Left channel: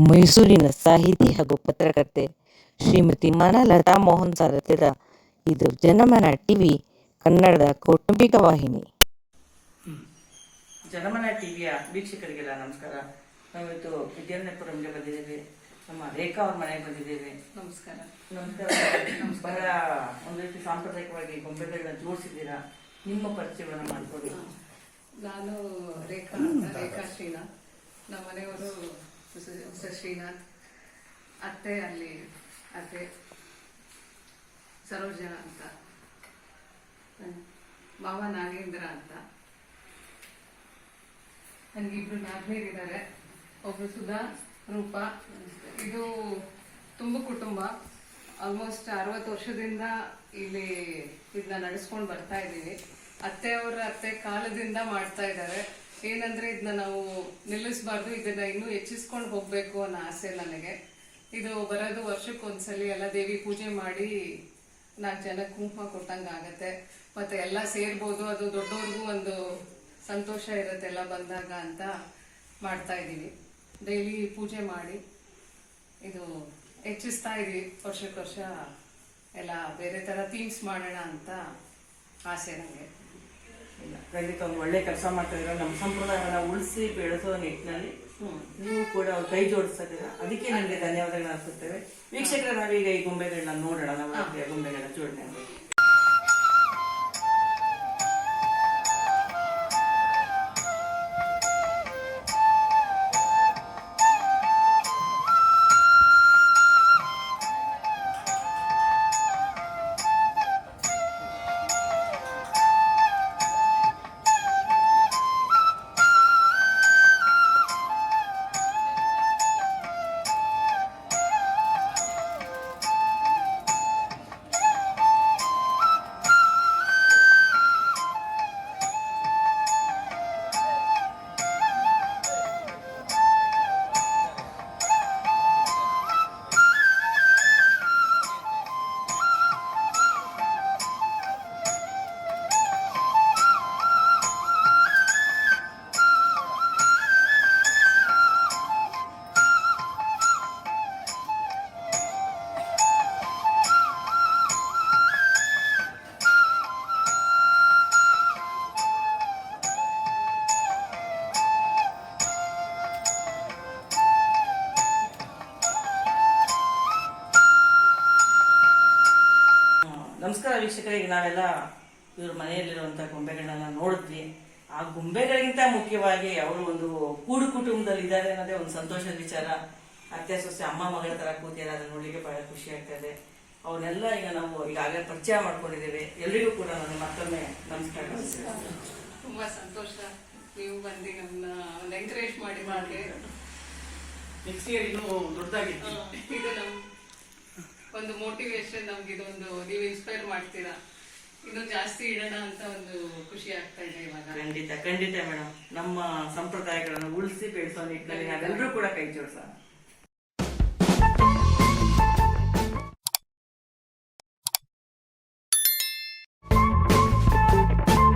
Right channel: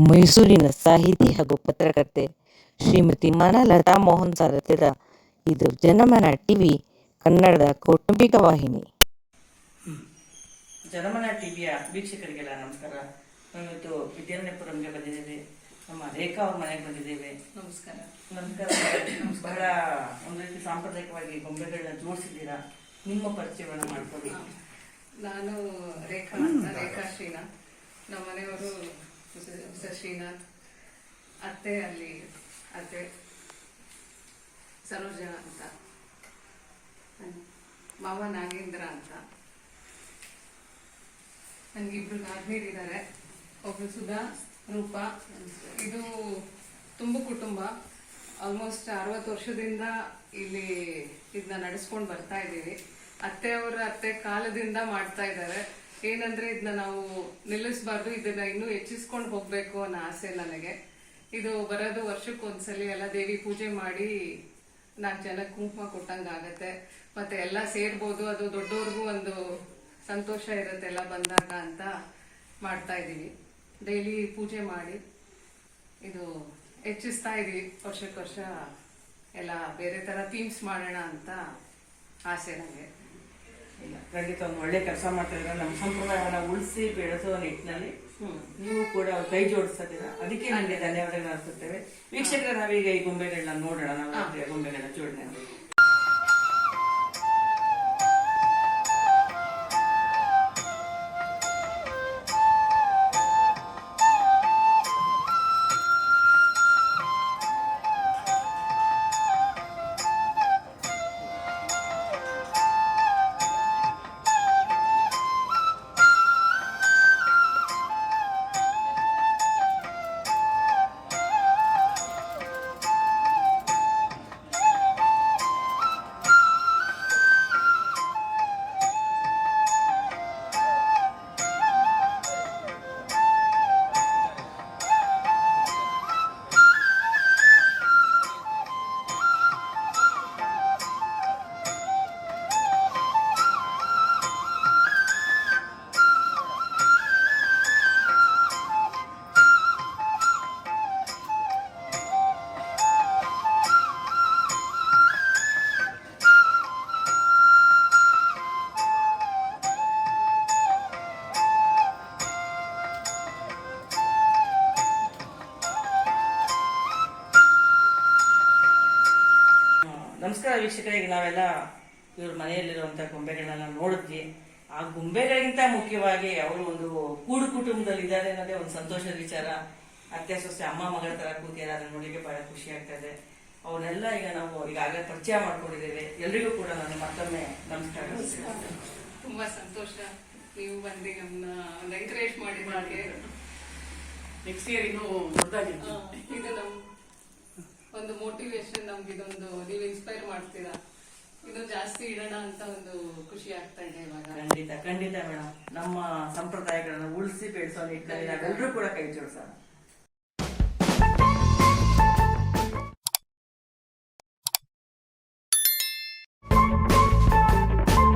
ಮೈಸೂರಿನ ಸಾಹಿತಿ ಹಾಗೂ ಪತ್ರಕರ್ತೆ ಶ್ರೀಮತಿ ಮಾನಲತಾ ಮೋಹನ್ ಸಾರಥ್ಯದ ಇದು ಜನಮನ ಟಿವಿ ಕನ್ನಡದ ಕೌಟುಂಬಿಕ ವಾಹಿನಿ. ಜನಮನ ಟಿವಿಯ ವೀಕ್ಷಕರಿಗೆಲ್ಲ ನಮಸ್ಕಾರ. ನಾವಿವತ್ತು ವಿದ್ಯಾರಣ್ಯಪುರಂಗೆ ಬಂದಿದ್ದೇವೆ. ನಮ್ಮ ರೇಖಾ ಅವ್ರ ಮನೆಗೆ ಬಂದಿದ್ದೇವೆ. ನಮಸ್ಕಾರ. ನಮಸ್ಕಾರ. ಬಹಳ ಒಂದು ರೀತಿ ಸಾಂಪ್ರದಾಯಿಕವಾಗಿ ಗೊಂಬೆಗಳನ್ನ ಜೋಡಿಸಿದ್ದೀರಾ? ನಿಮ್ಮ ಪರಿಚಯವನ್ನು ಮಾಡ್ಕೊಳ್ಳಿ. ನಾನು ರೇಖಾ ಅಂತ ರೇಖಾ ಶ್ರೀನಾಥ್. ನಮ್ಮ ಮನೆಯವರು ಶ್ರೀನಾಥ್ ಅತ್ತೆ ಅಲ್ಲಿ, ಅತ್ತೆ ಸರೋಜನ ಅಂತ. ಮಾವ ನಾಗೇಂದ್ರ ಅಂತ. ನನಗಿಬ್ರು ನಾಲ್ಕನೇರು ಇದ್ದಾರೆ ಒಬ್ರು ಸುಧಾ, ರೂಪ. ಇದು ತುಂಬ ಕುಟುಂಬ. ಆಲ್ಮೋಸ್ಟ್ ಅರವತ್ತು ವರ್ಷದಿಂದ ಇಲ್ಲಿ ಇದನ್ನ ನಡೆಸ್ಕೊಂಡು ಬರ್ತಾ ಇದ್ದೀವಿ ಅತ್ತೆಯವರ ಅತ್ತೆ ಕಾಲದಿಂದ ಮಾಡ್ತಾ ಇದ್ದಾರೆ ಏನಂದ್ರೆ ಇದನ್ನ ನಾವು ನಿಲ್ಲಿಸಬಾರ್ದು, ಇದನ್ನ ಇನ್ನೂ ಹೆಚ್ಚಿಸ್ಕೊಂಡು ಹೋಗ್ಬೇಕು ಅನ್ನೋ ಆಸೆ ನನಗೆ. ಇದು ಬರೋದು ವರ್ಷಕ್ಕೊಂದ್ಸಲಿ ಎಲ್ಲ ದೇವಿ ಪೂಜೆ ಮಾಡಿ ನಾಲ್ಕು ಜನ ಕುಂಕುಮ ಕೊಟ್ಟಂಗ ಆಗತ್ತೆ. ಮತ್ತೆ ಎಲ್ಲ ಸೇರ್ಬೋದು, ಅದು ದೊಡ್ಡವ್ರಿಗೂ ಒಂದು ಸಂತೋಷ ಇರುತ್ತೆ ಎಲ್ಲ ಬಂದಾಗ ಅಂತ ಮಾಡ್ತಾ ಇದ್ದೀವಿ ಡೈಲಿ ಪೂಜೆ ಮಾಡಿ ಇದು ಹೆಚ್ಚಿಸ್ತಾ ಇದೀವಿ. ವರ್ಷಕ್ಕೆ ವರ್ಷ ಎಲ್ಲ ಬೇರೆ ತರ ಥೀಮ್ಸ್ ಮಾಡೋಣ ಅಂತ ಆಸೆ ನನಗೆ. ಇಲ್ಲ ಖಂಡಿತ ಒಂದು ಒಳ್ಳೆ ಕೆಲಸ ಮಾಡ್ತಾ ಇದ್ರೆ ನಮ್ಮ ಸಂಪ್ರದಾಯವನ್ನ ಉಳಿಸಿ ಬೆಳೆಸೋ ನಿಟ್ಟಿನಲ್ಲಿ ನೀವು ಕೂಡ ಕೈ ಜೋಡಿಸ್ತಾ ಅದಕ್ಕೆ ನಿಮಗೆ ಧನ್ಯವಾದಗಳು ಅನಿಸುತ್ತೇವೆ. ವೀಕ್ಷಕರ ನಾವೀಗ ಈ ಗೊಂಬೆಗಳನ್ನ ನೋಡೋಣ. ನಮ್ಮ ಗೊಂಬೆಗಳ ಜೋಡಣೆ ನಮಸ್ಕಾರ ವೀಕ್ಷಕರಿಗೆ ನಾವೆಲ್ಲ ಇವ್ರ ಮನೆಯಲ್ಲಿರುವಂಥ ಗೊಂಬೆಗಳನ್ನ ನೋಡಿದ್ವಿ. ಆ ಗೊಂಬೆಗಳಿಗಿಂತ ಮುಖ್ಯವಾಗಿ ಅವರು ಒಂದು ಕೂಡು ಕುಟುಂಬದಲ್ಲಿ ಇದ್ದಾರೆ ಅನ್ನೋದೇ ಒಂದು ಸಂತೋಷದ ವಿಚಾರ. ಅತ್ತೆ ಸೊಸೆ ಅಮ್ಮ ಮಗಳ ತರ ಕೂತಿಯಾರ ಅದನ್ನ ನೋಡ್ಲಿಕ್ಕೆ ಬಹಳ ಖುಷಿ ಆಗ್ತದೆ. ಅವರೆಲ್ಲ ಈಗ ನಾವು ಈಗಾಗಲೇ ಪರಿಚಯ ಮಾಡ್ಕೊಂಡಿದ್ದೇವೆ. ಎಲ್ರಿಗೂ ಕೂಡ ನಾನು ಮತ್ತೊಮ್ಮೆ ನಮಸ್ಕಾರ ತುಂಬಾ ಸಂತೋಷ ನೀವು ಬಂದು ನನ್ನ ಒಂದು ಎಂಕರೇಜ್ ಮಾಡಿ ಮಾಡಿ ನೆಕ್ಸ್ಟ್ ಇಯರ್ ಇನ್ನೂ ಇದು ಒಂದು ಮೋಟಿವೇಶನ್ ನಮ್ಗೆ ಇದೊಂದು, ನೀವು ಇನ್ಸ್ಪೈರ್ ಮಾಡ್ತೀರಾ? ಇದು ಜಾಸ್ತಿ ಇಡೋಣ ಅಂತ ಒಂದು ಖುಷಿ ಆಗ್ತಾ ಇದೆ ಇವಾಗ. ಖಂಡಿತ ಖಂಡಿತ ಮೇಡಮ್ ನಮ್ಮ ಸಂಪ್ರದಾಯಗಳನ್ನು ಉಳಿಸಿ ಬೆಳೆಸೋ ನಿಟ್ಟಿನಲ್ಲಿ ನಾವೆಲ್ಲರೂ ಕೂಡ ಕೈ ಜೋಡಿಸೋಣ.